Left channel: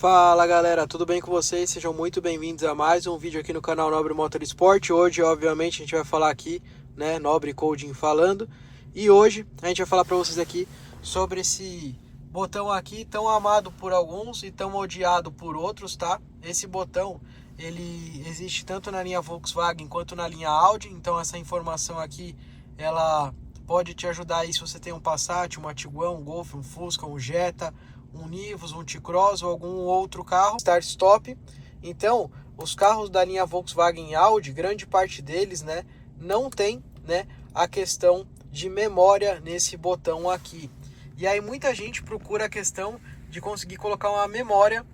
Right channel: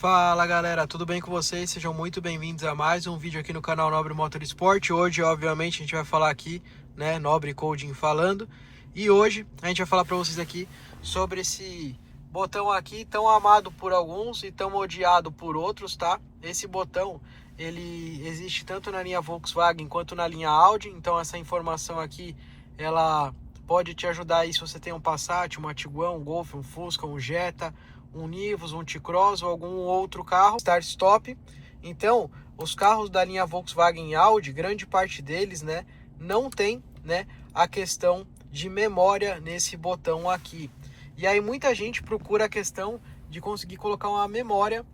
Fala galera, tudo bem com vocês? Sejam muito bem-vindos a mais um vídeo aqui no canal Nobre Motorsport. Hoje, obviamente, a gente vai falar aqui, né, Nobre Coding falando. E hoje a gente vai falar para vocês aqui sobre esse botão aqui, tão amado por alguns e tão odiado por outros, tá? Esse botão, ele existe tanto na linha Volkswagen quanto na linha Audi. Então essa informação aqui, ela pode te ajudar aí se você tem um Passat, uma Tiguan, um Golf, um Fusca, um Jetta, um Nivus, um T-Cross ou algum outro carro start-stop. Então, os carros da linha Volkswagen e Audi, grande parte deles, né, não tem, né, a questão de memória nesse botão aqui. E aí muita gente procura a questão de conseguir colocar uma memória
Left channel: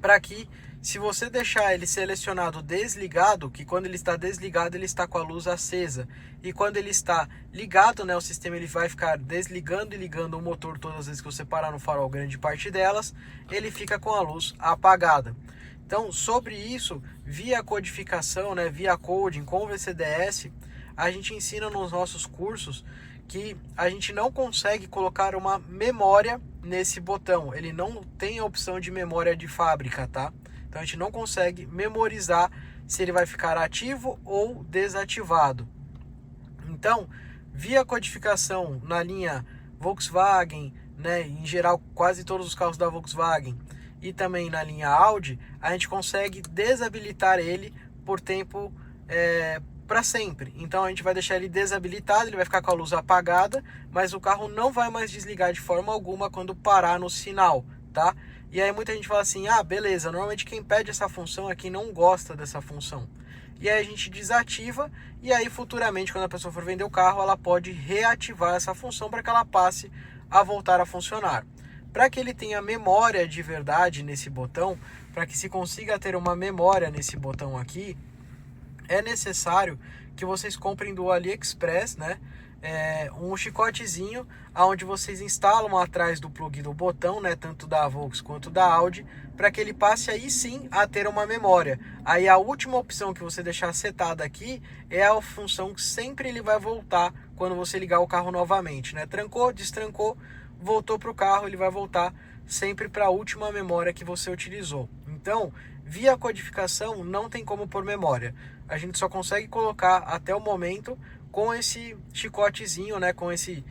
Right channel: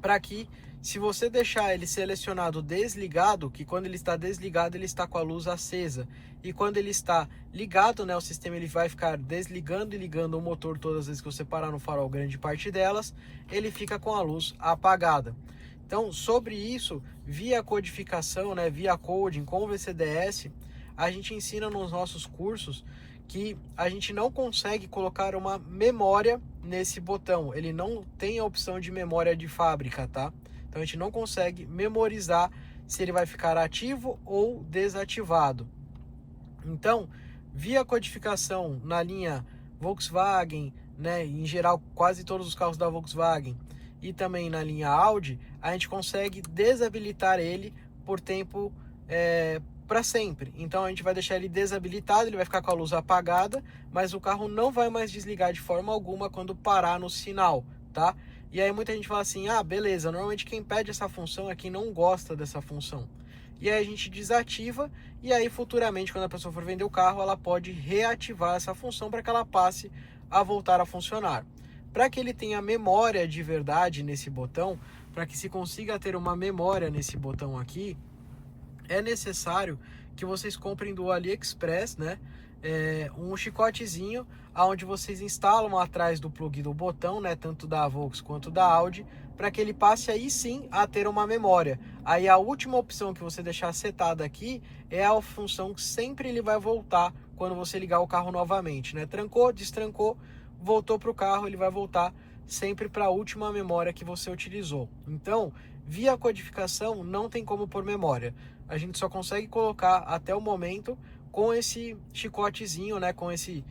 para que, se você deixar ele selecionado desligado, que quando ele está desligado ele está com a luz acesa, e quando ele está ligado, né, o sistema ele vai ficar desligando e ligando o motor todas as vezes que você parar no farol, grande parte delas, ele fica com a luz apagada. Então, sobre isso, via codificação, né, via coding com o VCDS, a gente ensina nos nossos cursos que a gente não consegue colocar uma memória nesse botão. Ele não tem a opção de memória de fábrica, tá? Então a gente não consegue memorizar se ele vai ficar ativo ou desativado. Então, via codificação na linha Volkswagen, né, em geral quase todos os carros da Volkswagen, e também na linha Audi, a gente consegue desabilitar ele por tempo para sempre. Então a gente vai deixar ele desabilitado, ele vai ficar com a luz apagada, mas o carro não vai mais desligar de forma alguma quando parar no sinal, tá? E aí muita gente fala assim, ah, beleza, normalmente quem pede essa função é quem não gosta dessa função. E aí a gente desativa, e aí futuramente, quando a pessoa for vender o carro, ela pode reativar essa função para que ela passe a voltar a funcionar. Para que ele tenha memória de verdade nesse botão, para que se consiga ter uma memória nesse botão aqui, é necessário que vocês comprem do AliExpress, né, um chicotezinho onde vocês instalam atrás do plug do botão, né, tanto da Volks quanto da Audi, para que ele passe aí sim a ter uma memória. Aí a última opção que você deixar setada aqui é a função que sempre ele vai voltar quando você ligar o carro novamente, né? Trancou, destrancou, voltou para o carro, ele vai voltar sempre para a última memória que você utilizou. Então, via codificação não tem como pôr memória. A gente só consegue colocar até o momento com esse chicotezinho, né, com esse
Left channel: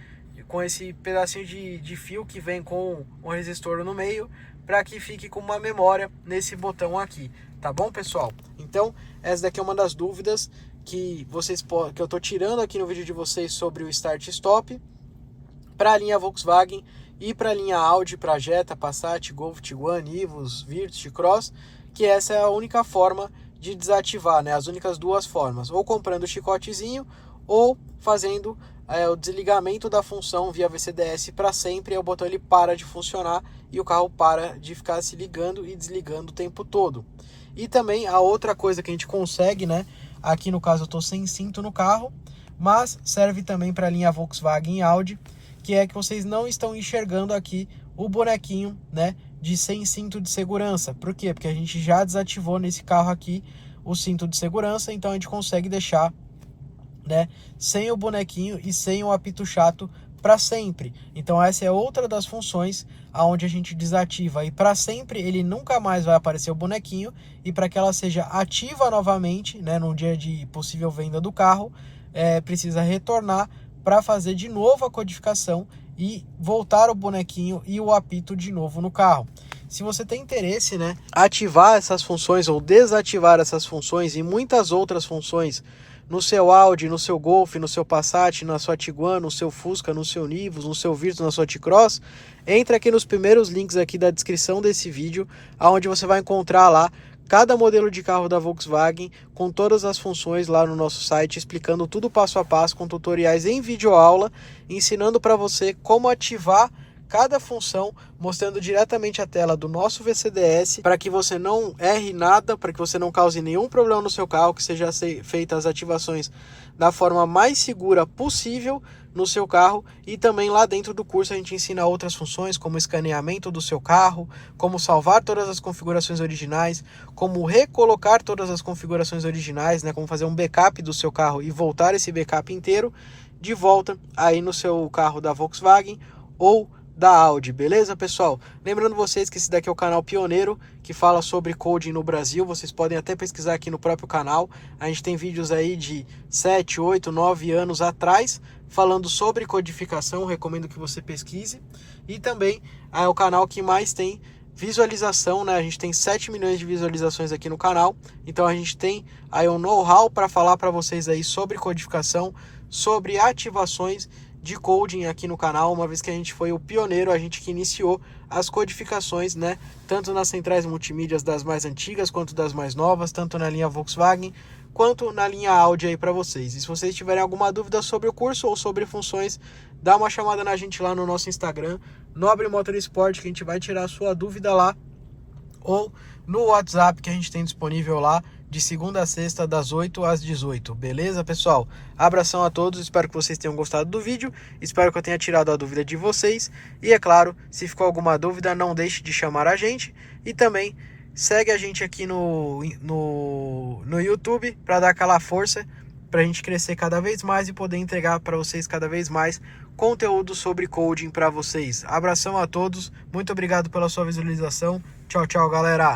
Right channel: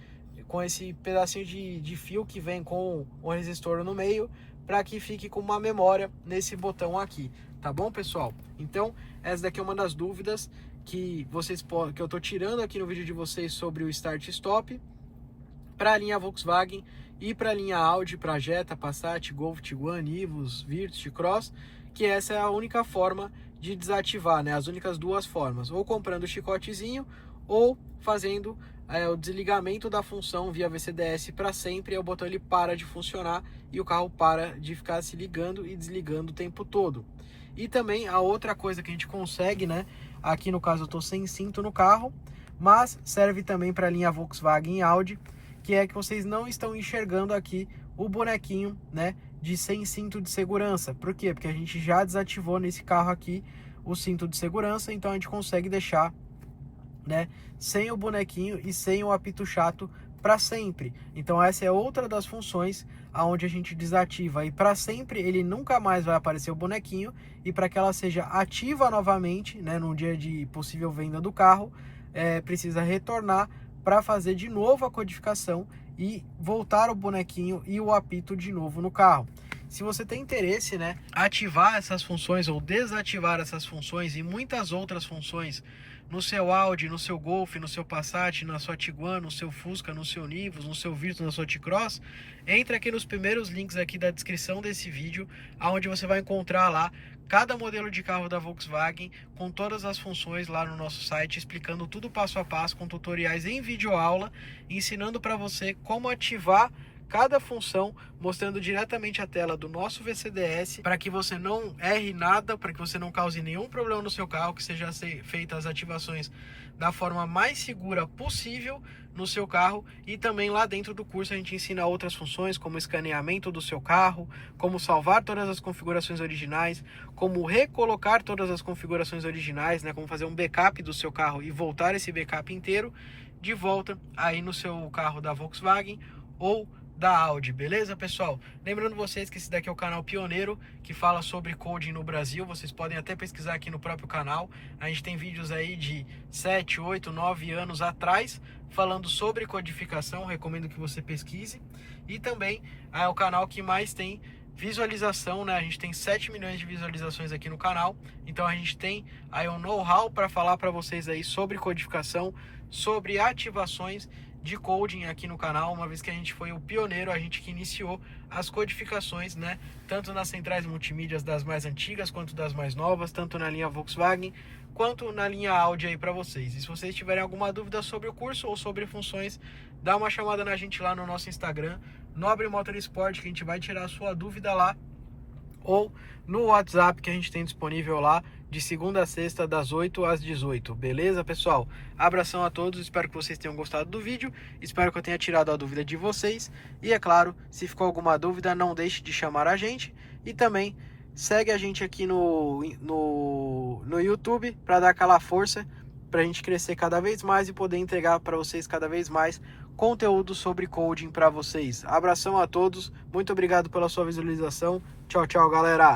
pedacinho de fio que vem com um resistor no meio, para que fique com uma memória nesse botão aqui, tá bom, pessoal? Então, essa daqui é uma das dúvidas que eu tô tirando aqui no vídeo de vocês sobre o Start Stop para a linha Volkswagen e para a linha Audi, para Jetta, Passat, Golf, Tiguan, Nivus, Virtus, T-Cross, que essa é a única forma de desativar, né? As únicas duas formas, ou comprando o chicotezinho ou fazendo o desligamento da função via VCDS para sempre, e o botão ele para de funcionar e o carro para de ficar se ligando e desligando o tempo todo. E também a outra coisa que a gente consegue, né? Aqui no caso eu estou sem cinto no carro, mas serve também para a linha Volkswagen e Audi, que é que vocês não estão enxergando aqui o bonequinho, né, de sem cinto de segurança. Por quê? Porque a gente já desativou nesse carro aqui o cinto de segurança, então a gente consegue deixar, né, sem o bonequinho e sem o apito chato para sempre. Então essa é outra das funções aonde a gente desativa, e para sempre ele nunca mais vai aparecer o bonequinho, e para que ela seja ativa novamente, né, no dia de possível venda do carro, precisa retornar para fazer de novo a codificação e voltar o bonequinho e o apito de novo no carro. Se você tem interesse, né, ativar essas funções ou desativar essas funções e muitas outras funções no seu Audi, no seu Golf, no seu Passat, na sua Tiguan, no seu Fusca, no seu Nivus, no seu Virtus, na sua T-Cross, entra aqui nos primeiros links aqui da descrição desse vídeo, onde você vai encontrar lá cada modelo de carro da Volkswagen com todas as funções lá no nosso site, explicando tudo passo a passo, com tutoriais em videoaula, ensinando para você como ativar cada função, mostrando diretamente a tela do nosso VCDS, para que você não erre nada, para que você não cause nenhum problema no seu carro, que seja feitas as ativações da forma mais segura possível no seu carro. E também lá dentro do curso a gente ensina outras funções, como escaneamento do seu carro, como salvar todas as configurações originais, como recolocar todas as configurações originais, né, como fazer um backup do seu carro e voltar esse backup inteiro de volta aí no seu carro da Volkswagen ou da Audi, beleza, pessoal? Lembrando vocês que esse daqui é o canal pioneiro que fala sobre coding no Brasil. Vocês podem até pesquisar aqui no próprio canal. A gente tem vídeos aí de 7, 8, 9 anos atrás falando sobre codificação. Recomendo que você pesquise. E também é o canal que mais tem visualização, né? A gente tem 7 milhões de visualizações aqui no canal. Então a gente tem aí um know-how para falar para vocês aí sobre codificação, sobre ativações de coding aqui no canal, uma vez que a gente foi o pioneiro, a gente que iniciou as codificações, né, tanto nas centrais multimídias das mais antigas, quanto das mais novas, tanto na linha Volkswagen, quanto na linha Audi aí para vocês. E se vocês tiverem alguma dúvida sobre o curso ou sobre funções, dá uma chamada na gente lá no nosso Instagram, Nobre Motorsport, que a gente vai tirar a sua dúvida lá, ou no WhatsApp que a gente tem disponível lá, de segunda a sexta, das 8 às 18. Beleza, pessoal? Abração a todos, espero que vocês tenham gostado do vídeo, espero que eu tenha tirado a dúvida de vocês. E é claro, se ficou alguma dúvida, não deixe de chamar a gente. E também segue a gente aqui no YouTube para dar aquela força, para a gente crescer cada vez mais e poder entregar para vocês cada vez mais conteúdo sobre coding para vocês. Abração a todos, muito obrigado pela sua visualização. Tchau, tchau, galera!